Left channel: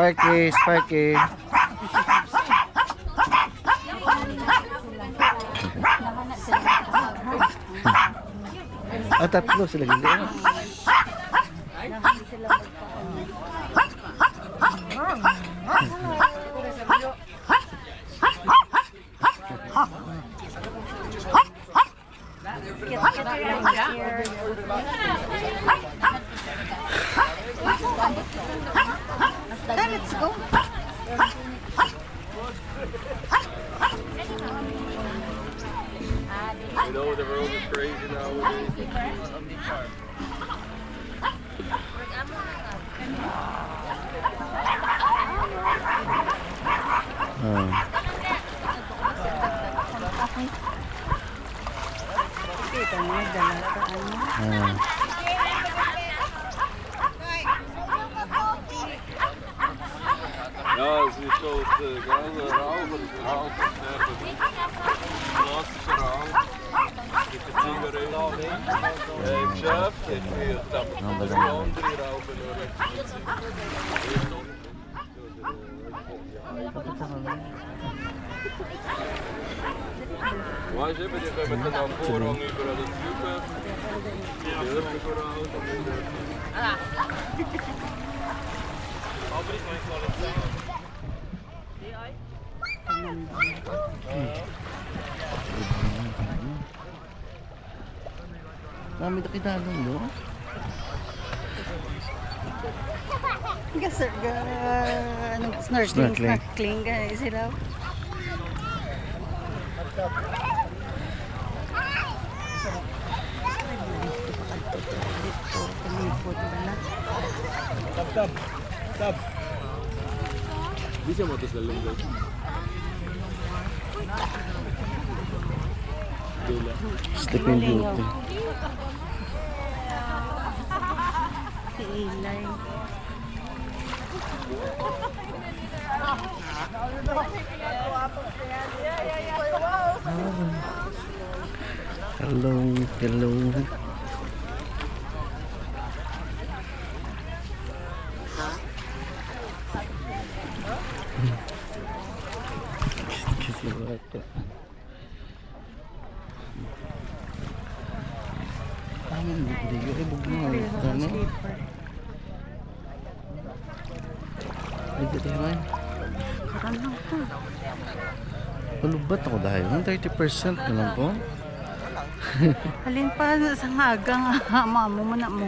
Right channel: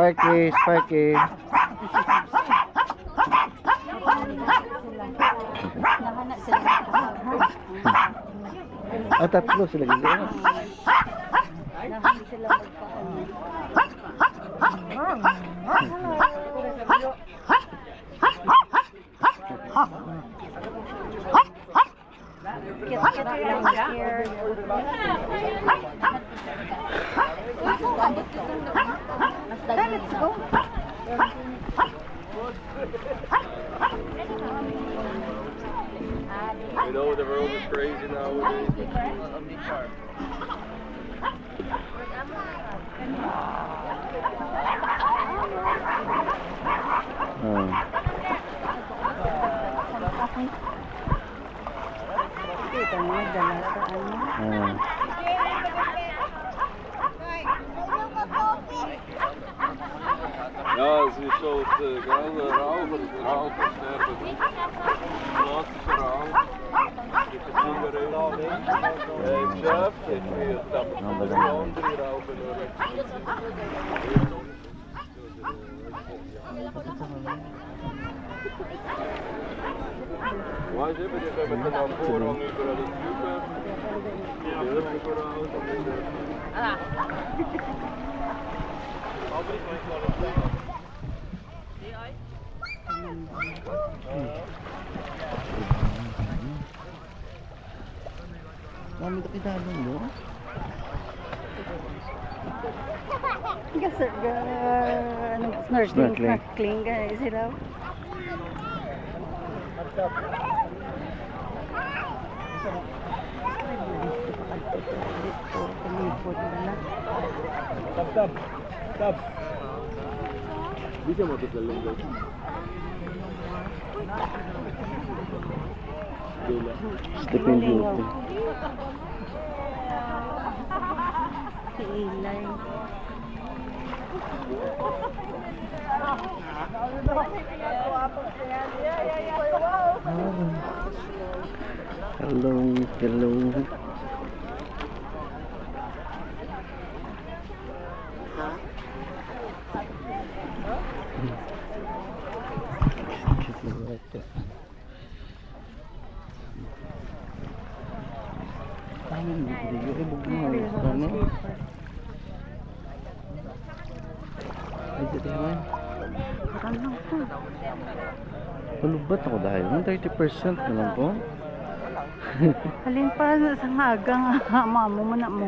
Sparky, Sparky. Ah, tatlo sila gili. Let's go. You know the world is crazy nowadays. Ja, es ist so der gelbe Rauch, der Rauch ist der klassische Rauch mit der Zigarette. Im Geschäft ist mir das andere Rauchen weißt du, die kommen dann am Vorhang über alle Züge, die Öffnung voraus. Dami na kinalong mo. Kasi snorkeling sila. Tab. Bisa mo ito sa linggo. Sleeping Beauty. Si Ilay. Hello, hello. Palubat ako dahil 30% na lang po. Halin pa sa hagang mamo mo na mo.